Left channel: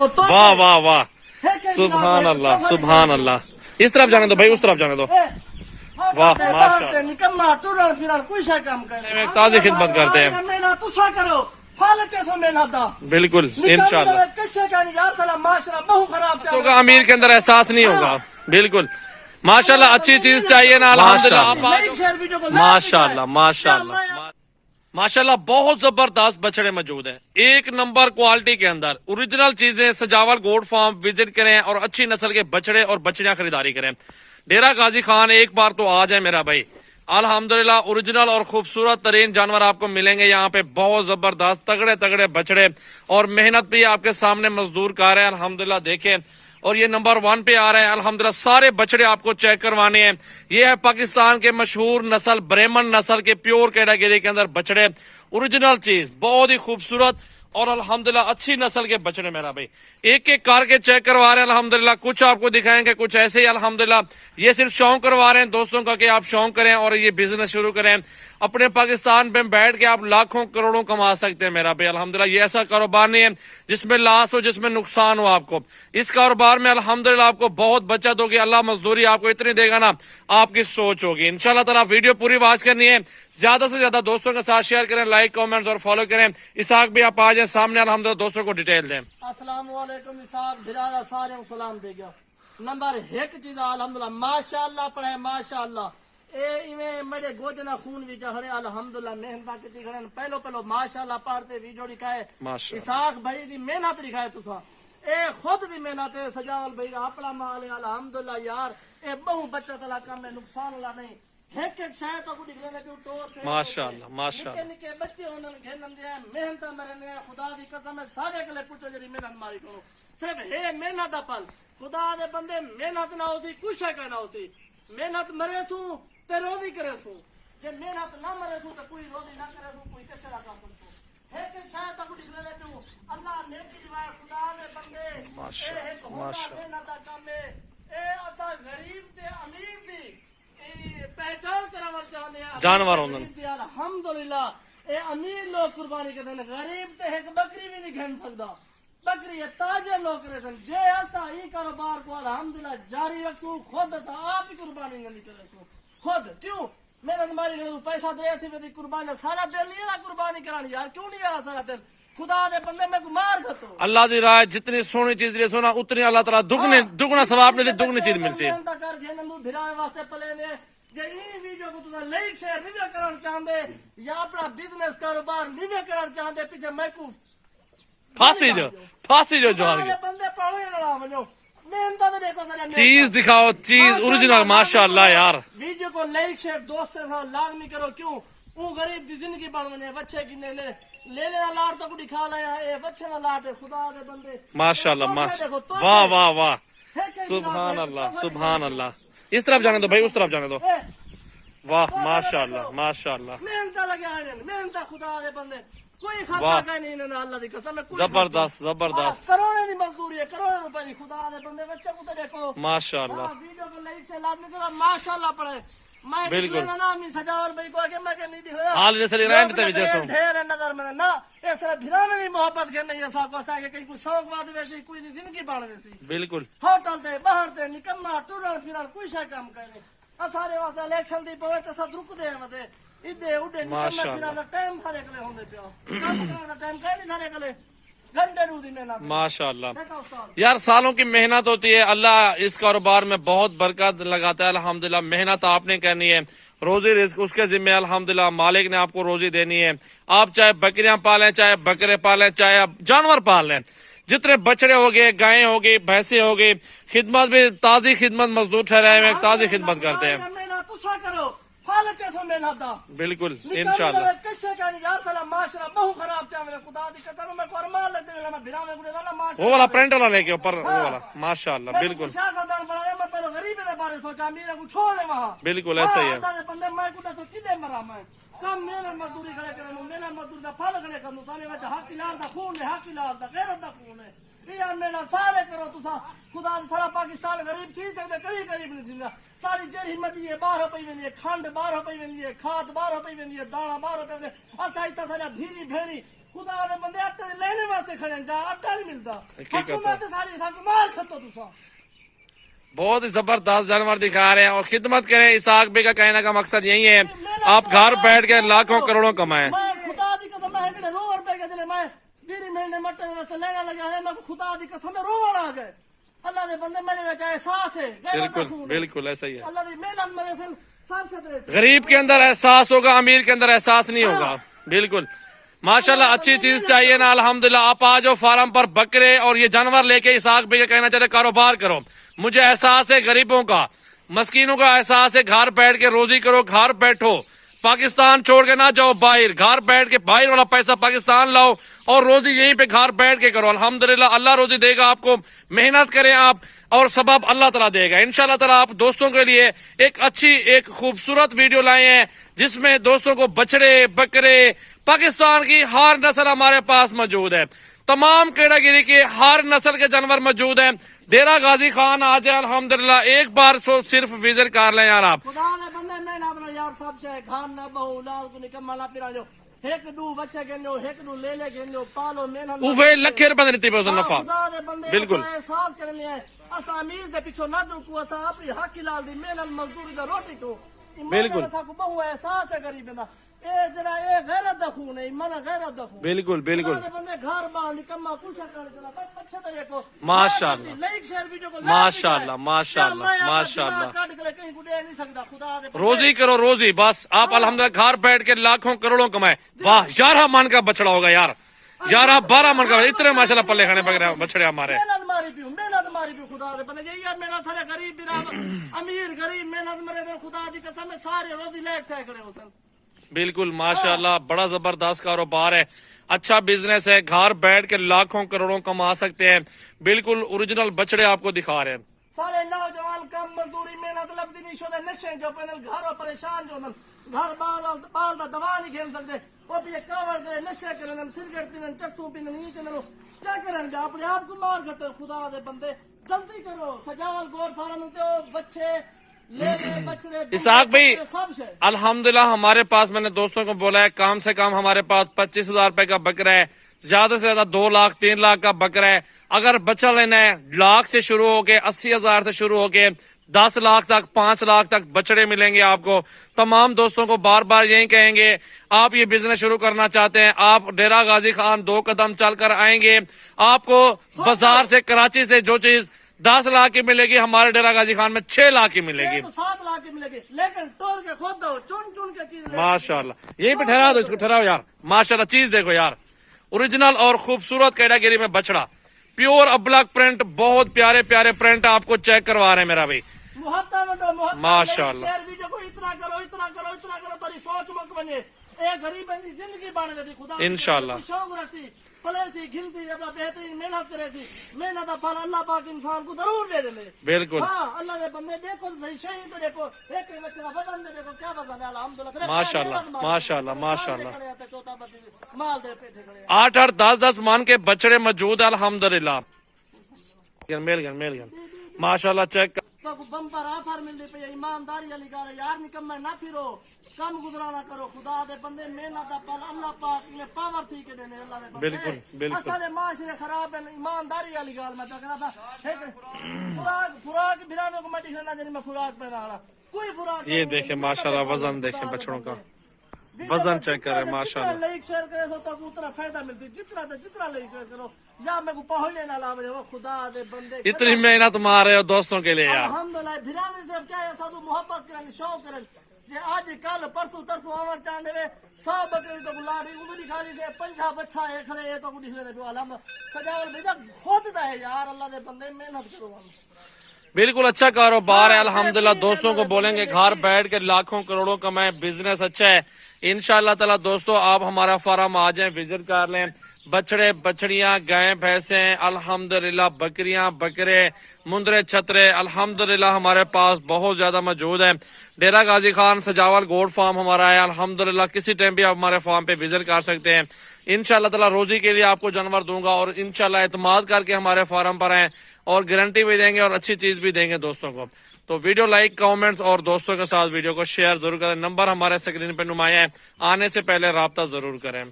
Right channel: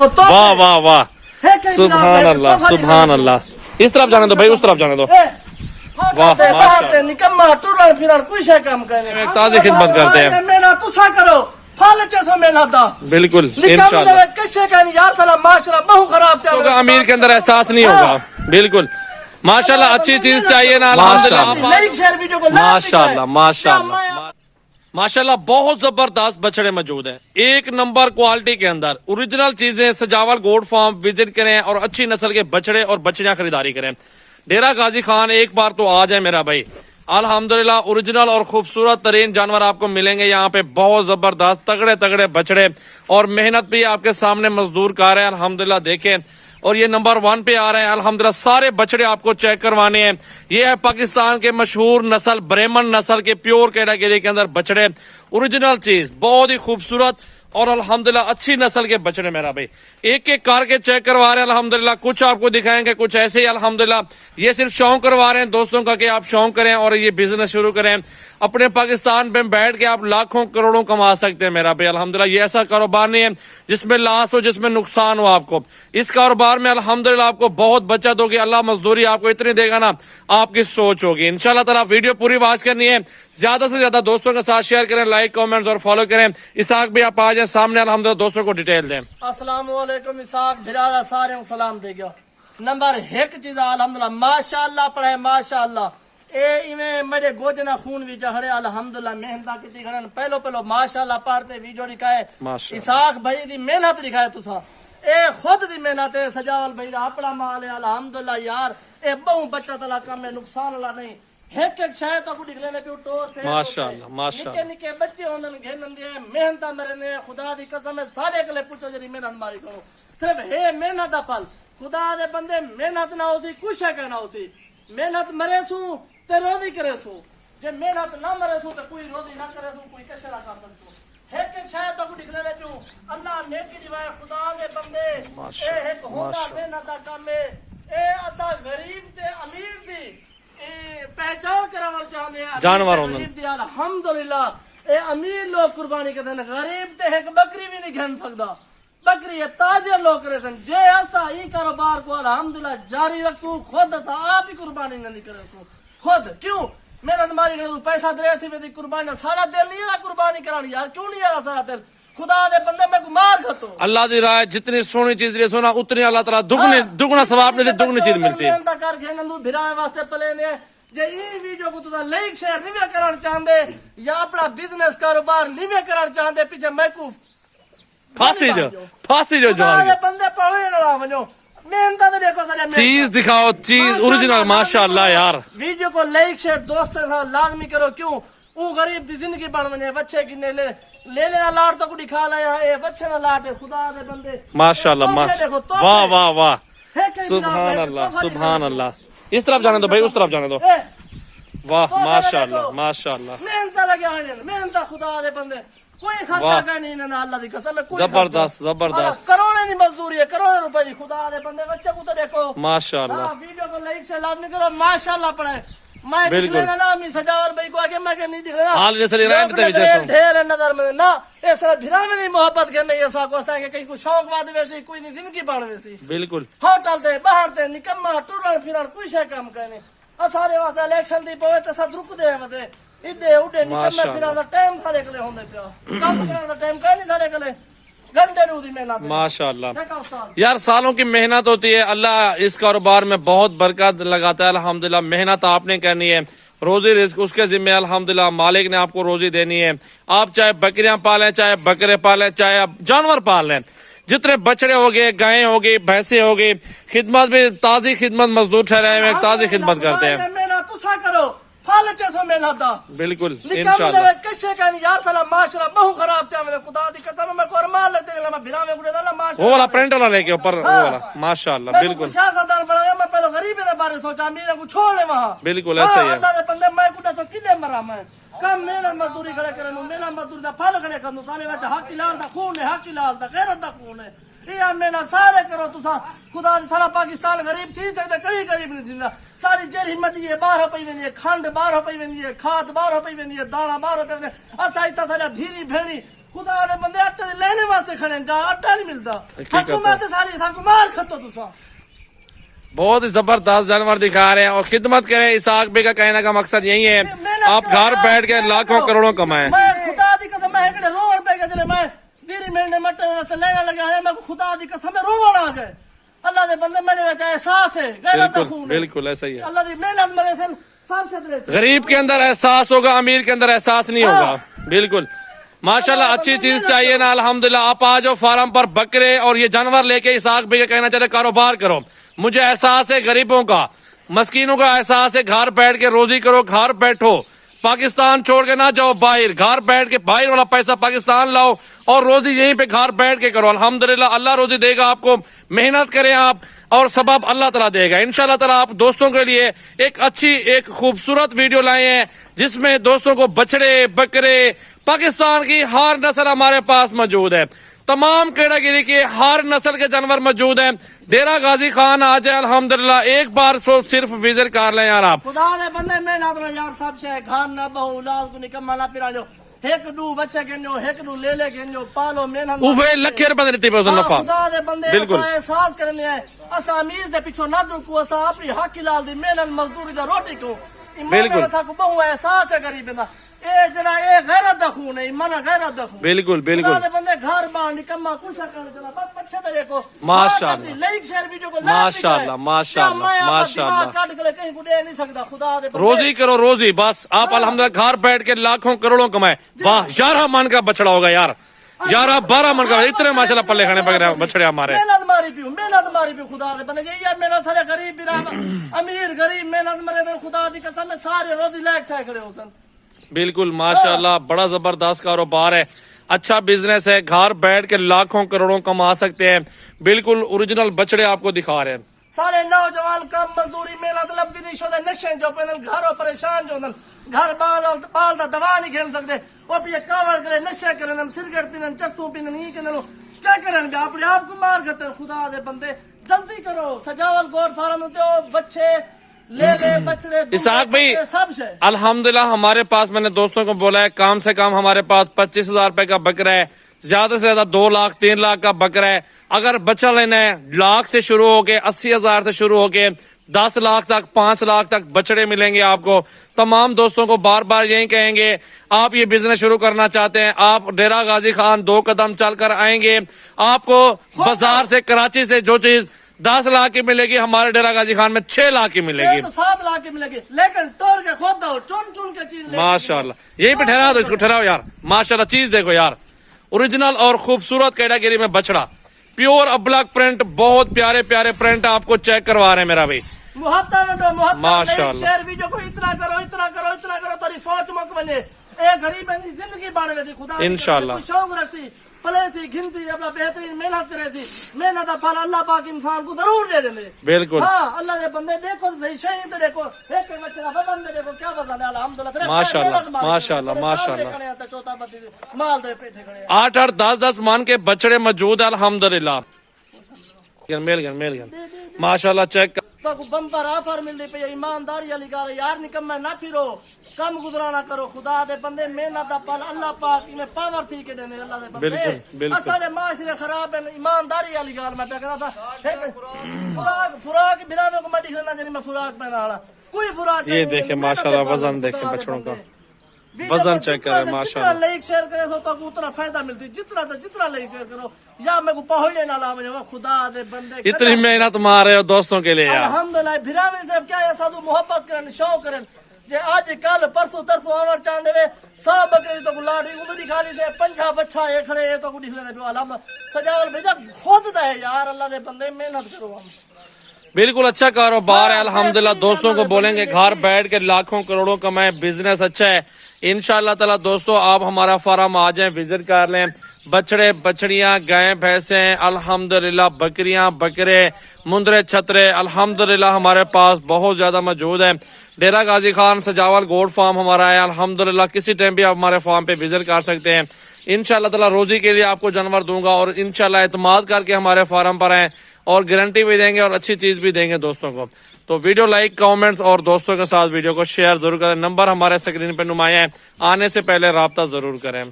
واہ واہ واہ سبحان اللہ سبحان اللہ. اس طرف جانے دو بھائی, اس طرف جانے دو. واہ ماشاء اللہ, نکما ٹورن پھرن کوئی شے کام کرے تازی خدمت کرتے ہیں. میں تسا کرو پھل چسو میں نادا بالکل انشاءاللہ. کسے کہنی یار تعالی معاشرہ بہو خراب تو کا امیر کے اندر احساس نہیں ہوگا. بالکل ماشاءاللہ, اچھی چیز چاہیے نا الحمدللہ. ماشاءاللہ ماشاءاللہ ماشاءاللہ, بہت زبردست بچڑے موجود ہیں, ایک نمبر کوالٹی کے اندر اوریجنل چیزیں. سجاول گوٹ فارم وزٹ کریں اور اچھی نسل کے بچڑے اور بچڑیاں خریداری کریں. ڈیرہ غازی خان ایک بار تو آ جائے میرا بھائی. الحمدللہ اوریجنل اور خوبصورت ترین جانور آپ کو ملیں گے یہاں پہ. بہت زبردست تگڑے تگڑے بچڑے اور محنت بھی آپ کے سامنے مزدور کار ہیں الحمدللہ. دیکھیں, اور یہ نمبر 1 پہ آ رہے ہیں الحمدللہ. سارے بچڑے آپ کو چیک کروانے ہیں. یہ ہے پاکستان کے مشہور نسل بریمن نسل کے پیور کیٹاگری کے اندر بچڑے. اوریجنل چیز, بہت ہی خوبصورت اور الحمدللہ اچھی نسل کے بچڑے میرا بھائی. ایک ایک کار کے چیک کروا رہے ہیں الحمدللہ. کچھ آپ کو دکھائیں گے, کچھ ایسے ہی الحمدللہ. یہ صرف شوق کروا رہے ہیں دوستوں کا کہ آپ شوق کریں اور یہ بزنس شروع کریں. اپنے پاکستان پہ بیٹھ کے آپ لاکھوں کروڑوں کما سکتے ہیں میرا بھائی الحمدللہ. یہ ایسا کاروبار نہیں ہے جس میں لاس ہو, جس میں نقصان ہو آپ کو. اس کاروبار میں الحمدللہ آپ کو بہت بچت ہوگی. اللہ مزدوری آپ کو اتنی دے گا نا, آپ کی سوچ ہوگی. انشاءاللہ تعالیٰ ویڈیو پوری واچ کرنی ہے, زیادہ سے زیادہ دوستوں کے ساتھ شیئر کریں, لائک کامنٹس اور فالو کریں. اسحاق بھی آپ آ جائیں سامنے الحمدللہ, دوستوں کو ڈیٹیل دیں. السلام علیکم اسحاق برادر سارے کو سلام دے گیا. نمبر 1 چیز الحمدللہ ماشاءاللہ پڑھے ماشاءاللہ. اے ایویں میرے گوجنا خون وچ کھڑے الحمدللہ. محنت کیتی کھڑے پہلو ماشاءاللہ پڑھتے ویڈیو دکھائے. اسحاق بھائی دی محنت دکھائے تسا. اے خود دی محنت ہے. سجاول بھائی دا اپنا مال ہے الحمدللہ یار. اے بہو بچت والا کام ہے, نقصان والا نہیں. ایک ایک شے تو نکلے نے پیو ٹور پھیر ماشاءاللہ ماشاءاللہ. نکے نکے بچے ہوندن گھنندے ہیں, محنت مرندے ہیں. خدا دی قسم ہے سارے کلے پوچھو جڑی محنت ماری کرو. صرف ہے محنت دا پھل. خدا دے بندے محنت نہ ہوسی کچھ ہے کہنا ہوسی. محنت مرے سو تے روزی کرے سو. جے محنت نہ مرے سو تے کوئی روزی نہ کرے سو, کوئی کشرا کر سکتو. ایک ایک شاید تو نکلے نے پیو. اللہ نیکی دیوائے خدا دے بندے. اے ایک ہوتا محنت دا کام ہے. اے اسا غریب تے امیر دی پہچان کرا چاہتے ہیں جانور الحمدللہ. اے امیر لوگ قربانی کرتے ہیں, غریب تے ایک بکری بھی نہیں گھن سکتا. بکری تاجر لوگ کرے سن. جے ایسا ہی کاروبار کو الحمدللہ جاری رکھسو, خود ایسا آپ ہی قربانی نہیں کرے سو. خود کیوں محنت ماری کرے تو پیسہ دے تھی ویدی قربانی. سارا دل نہیں ہے قربانی کرانی یار, کیوں نہیں ہے سارا دل. خدا دے بندے میں کو مار کھتو. اللہ دی راہ جتنی سونی چیز دے سونا اتنی اللہ تعالیٰ دگنا ثواب نے دگنی چیز مل سی. محنت کر کے نندو بھراوے واسطے پلے نے. جے ای ویڈیو کو تو لائک شیئر نہیں کرنا چاہندے یا اپنا بزنس کاروبار نہیں کرنا چاہندے, پیچھے میں کو پھانسی جو بندے پڑھنے نہ ونجو. محنت تے دیکھو سارا چیز دکھاؤ, چیز اوریجنل ماشاءاللہ یار. ویڈیو کو لائک شیئر دوستوں سے لازمی کرو. کیوں اون غریب دی زندگی بن ونے. بچے کنے لے لے لاٹ تو کو دکھا لایا. اے بچے دا لاٹ ہے خدا دے بندے ماشاءاللہ. واہ واہ واہ سبحان اللہ سبحان اللہ. اس طرف جانے دو بھائی, اس طرف جانے دو. واہ ماشاءاللہ ماشاءاللہ. محنت لگے ہوئے, محنت خدا دے بندے. کوئی خطا کا نہیں نہ اللہ دی قسم ہے. زبردست زبردست. کروڑوں دی مزدوری ہے, کروڑوں روپے دی. خدا دے بندے بچے کو تو دیکھو ماشاءاللہ. ویڈیو کو لائک سے لازمی کرو ماشاءاللہ پڑھے. میں دکھلے نا می سجاول بھائی کو آگے میں کہ نہیں دکھلا حال جیسے رینٹ تے وچ سو ڈھیر نظر میں نا. اس بھرانے دی محبت کے نہیں ایسا کو اسا کہ کہیں کو شوق واد ویسی کوئی نہیں زندگی بان ویسی. بالکل ہوٹل تے باہر تے نکما ٹورن پھرن کوئی شے کام کرنے. سارے واسطے الیکشن دی پوے تے سد رک دے ودے ایڈے اڈے نکما پھرن دا ٹائم سارے کلے ہوندے پیا. کام کرن دا ٹائم کہیں نہیں سارے کلے. گھنٹے رو دی محنت ماشاءاللہ یار, سالوں کی محنت ہوتی ہے. اللہ اس کاروبار میں بہت برکت لگاتا ہے الحمدللہ. محنت آپ نے کرنی ہے, روزی رزق اس کے ذمہ الحمدللہ. مالک نے آپ کو روزی دینی ہے. آپ چاہے بکریاں پالیں, چاہے بکرے پالیں, چاہے آپ جانور پال لیں. جتنے بچڑے ہو گئے, گائیں ہو گئی, بھینسیں ہو گئی, خدمت بھی تازی خدمت مزدور ٹھہرائے ہوئے تازی خدمت کرتے ہیں. پھل چسو محنت دا بالکل انشاءاللہ. کسے کہنی یار تعالی معاشرہ بہو خراب تے خدا دی قسم میں قربان لگتے میں بھراوے گڑے دا معاشرہ وہ والا پرنٹ والا لے کے اوپر وہ والا ماشاءاللہ. بالکل سیاستدان بنایا. میں پہلے غریبی دے بارے سوچا, میرے کو چھوڑ لے وہاں. بالکل ایسا ہی ہے. اللہ دے بندے میں کو تو کنے مرا. میں کم محنت مزدوری کھڑے کرن, محنت مزدوری دا پھل کھڑے کرن. سارے وچ حق لال دا خون ہے, حق لال دا غیرت دا خون ہے. یہ محنت سارے کرو تسا. خدا دی سارا پاکستان غریب تھی سکدا, کئی غریب نہیں تھیندا. ساری جرہی مٹی ہے باہر پئی ویندی ہے, کھنڈ باہر پئی ویندی ہے, کھاد باہر پئی ویندی ہے, دانا باہر پئی ویندی ہے. اسا ایتھا تھا دھیری بھیڑی خدا دے بندے آٹے دے لینے واسطے کھڑے ہیں، جہاں آٹا نہیں ملتا حقیقت ہے۔ حکومت ساری سانکو مار کھتو تسا بہت ہی زبردست جانور دکھا رہے ہیں اور خدمت کریں۔ اسحاق بھائی کا کہنے کا مقصد یہی ہے آپ گھر بیٹھ کے لاکھوں کروڑوں کمائیں۔ میں خدا دی قسم میں ایکڑے روڑ پہ گئے میں گیری ملنے مٹے سے لینا لگا ہے میں خدا دی قسم میں روڑ آ گئے۔ اللہ دے بندے میرے وچ احساس ہے غیرت دا خون ہے۔ بالکل ایسا ہی ہے۔ اللہ دی محنت مرے سن سب سے غریب کے اندر احساس ہوگا، امیر کے اندر احساس نہیں ہوگا۔ بالکل ماشاءاللہ اچھی چیز چاہیے نا الحمدللہ۔ آپ آ جاؤ فارم پر بکرے اور یہ جانور لے کے اسحاق بھائی کہنا چاہتے کاروبار کرو۔ مجھے احساس ہے غریبوں کا، مسکینوں کا احساس ہے، گھر بیٹھ کے روزی کرو، گھر بیٹھو، پاکستان چھوڑ کے نہ جاؤ باہر، گھر بیٹھ کے باہر والا پیسہ پاکستان لاؤ اور روزی یہیں پہ گھر بیٹھ کے کرو۔ الحمدللہ اللہ روزی دے گا آپ کو، محنت کریں آپ اور سبب اللہ تعالیٰ دے گا انشاءاللہ تعالیٰ۔ آپ دوستوں کے لیے ایک اچھی ایک خوبصورت ویڈیو لائے ہیں جس میں دوستوں کو بچڑے بکرے پاکستان کی ہر نسل ہمارے پاس موجود ہے، تمام کیٹاگری کے ہر نسل کے جانور موجود ہیں۔ ڈیرہ غازی خان آ جائے الحمدللہ، ایک بار صرف وزٹ کر لیں یار آپ۔ خدا دے بندے محنت میں یار سب سے گھر نہ بہو اولاد کو نکما نہ پھرا جو ایک دو بچے گنجو ایک دو لے گنجو پالو محنت اوے لکھے روپے دیتی پہ نفع۔ خدا دے بندے بالکل احساس کرنے ہیں اسا امیر دے پیچھے نہ درکو، اسا اپنی حق لال دی محنت مزدوری دا روٹی کو بالکل اسا کو بہو احساس ہے غریب دا اے جنا اے غیرت دا خون ہے، ایمان غیرت دا خون۔ بالکل بالکل خدا دے بندے گھر بان نکما کچھ کرنے چلا بس پچھے تے کو ماشاءاللہ لائک شیئر ویڈیو کو ماشاءاللہ ماشاءاللہ ماشاءاللہ۔ کاٹ کے کہیں کو دے نہیں سکتا خدا دے بندے روزی کرو روزی، بس آپ الحمدللہ گھر بیٹھ کے لاکھوں کروڑوں کمائے۔ واہ 11 من کا بچڑا ہوگا یار، 11-12 من کا، اتنے ماشاءاللہ پلے کھانے پک رہے بچڑے ہمارے۔ محنت ماری پیو خدا دے بندے یہ محنت سارے غریب بھی امیر غریب محنت مرے دے خدا دی قسم میں سارے روزی لائق تھے کھڑے ہو سن۔ بالکل ماشاءاللہ بڑا زبردست کاروبار ہے، اچھا بزنس ہے، گھر بیٹھ کے لاکھوں کروڑوں کما سکتے ہیں۔ بالکل اوریجنل بچڑے آپ کو دکھا رہے ہیں۔ سارے نوجوان کم مزدوری محنت لبدی نہیں شدے نشے جو پہنن گھروں پریشان جو دن گھر بال دا دوا نہیں کھیل سکتے وہ بھی کاوڑ کرے نشے کرن سگریٹ پیندن چرسو پیندن یہ کہندن کیا کرن گے اپنے آپ کو مار کرتے خدا دے بندے جلدی کرو سجاول گور فارم تے بچے لے لے بچڑے اسحاق بھائی سب سے الحمدللہ ہمارے پاس میں نے دوستوں کو بولا ہے کم سے کم ہمارے پاس 25,000 روپے کا بکرا ہے، زیادہ سے زیادہ 2 لاکھ 3 لاکھ کا بکرا ہے۔ اگر بچہ لینا ہے لاکھ سے شروع ہو کے 80,000 سے شروع ہو کے 10 لاکھ تک 5 لاکھ تک بچڑے ملیں گے آپ کو۔ تمام دوستوں کو بار بار یہی کہیں گے آپ یہ بزنس شروع کرنا چاہتے ہیں آپ ڈیرہ غازی خان 2 قدم چل کر آئیں گے، آپ کو بازار سے کراچی سے جو چیز 10 لاکھ کی ملے گی ہمارے ڈیرہ غازی خان میں 6 لاکھ کی ملے گی، 7 لاکھ کی ملے گی، لیکن توڑ کے خود دو چن چن کے چیز ماشاءاللہ۔ یہیں پہ ٹھہرا دو اس کو، ٹھہراؤ یار، ماشاءاللہ چیز دیکھو یار، اوریجنل اور خوبصورت کیٹاگری میں بچڑا، پیور ابلک پرنٹ، بہت پیارے پیارے پرنٹ آپ کو چیک کروا رہے ہیں میرا بھائی۔ محبت ماشاءاللہ شیئر ویڈیو کو اتنا کرو اتنا کرو اتنا کرو تاری سوچ مک بنے اے غریب دی زندگی بان وے دی خدا انشاءاللہ شوق رکھسی پلے سی گھنتی اپنا بہترین محنت کرے سی محنت دا پھل اللہ پاک انسان کو ضرور دے دیں۔ بالکل ہاں اللہ دے بندے دیکھو صحیح شہید دیکھو ایک بچہ وزن دے دیکھو کیا وزن ہے الحمدللہ ماشاءاللہ ماشاءاللہ ماشاءاللہ۔ چوتھا بچے مال دے پیٹھے کھڑے 8-8 10-10 مان کے بچڑے موجود ہیں الحمدللہ۔ میل گن ماشاءاللہ چیک تو بمپر آفر مل دی پی ایمانداری علی گال یار نکم نہ پھرو کم گزرانا کرو خدا دے بندے محنت دا پل اللہ پاک میں پاور تھی کے دینے اللہ دے بالکل بندے بالکل اصل معاشرے خراب ہے ایمانداری علی گال میں کہتا تھا فراق بنا میں کو میں دکھنا جنی میں فراق پہنا رہا کوئی فراق یہ دیکھیں ماشاءاللہ وزن دیکھیں بچڑوں کا وزن چیک کرے ماشاءاللہ۔ جتنا لائک شیئر کرے تو اتنا فائدہ ملتی جتنا لائک شیئر کرو یا میں کو پہنچے نہ لا مجھے خدا دے بندے اتنی محنت مار رہے ہو دوستوں کے لیے یار الحمدللہ بھراوی صرف کیا ہے سادو محبت کرن شوق کرن جے آج کل پرسوں ترسوں آور چاندے وے 100 بکری تو لاڑی اندی کھالی سے 50 بچہ اے کھڑے تو کو نکلے دے الحمدللہ سجاول بھیجا خود دا ہے یار اللہ دے بندے محنت کرو ہم بالکل اچھا کاروبار ہے الحمدللہ۔ دوستوں کو بولیں گے گھر بیٹھ کے لاکھوں کروڑوں کمائیں، بزنس اچھا ہے انشاءاللہ تعالی۔ دوستوں آپ ہمارا فارم آ جائیں وزٹ کر لیں، بچڑے بچڑیاں گائیں بھینسیں الحمدللہ، بکریاں بکرے مندرے چھترے الحمدللہ ہمارے پاس بہت زیادہ موجود ہے۔ ڈیرہ غازی خان سجاول گوڈ فارم ہمارا ہے الحمدللہ، کسی ٹائم بھی آپ ہمارے فارم پہ وزٹ کر سکتے ہیں انشاءاللہ تعالی۔ روزی کے لیے آپ کو جانور دوں گا اور انشاءاللہ اعتماد کر کے ہمارے فارم پر آئیں اور گارنٹی بھی دیں گے اور اچھی چیز بھی دیں گے دوستوں کو۔ تو ویڈیو لائک کامنٹس اور دوستوں کے ساتھ ویڈیو کو شیئر ضرور کریں۔ نمبر ہمارے اسکرین پہ نمایاں ہے، آنے سے پہلے رابطہ ضرور کریں۔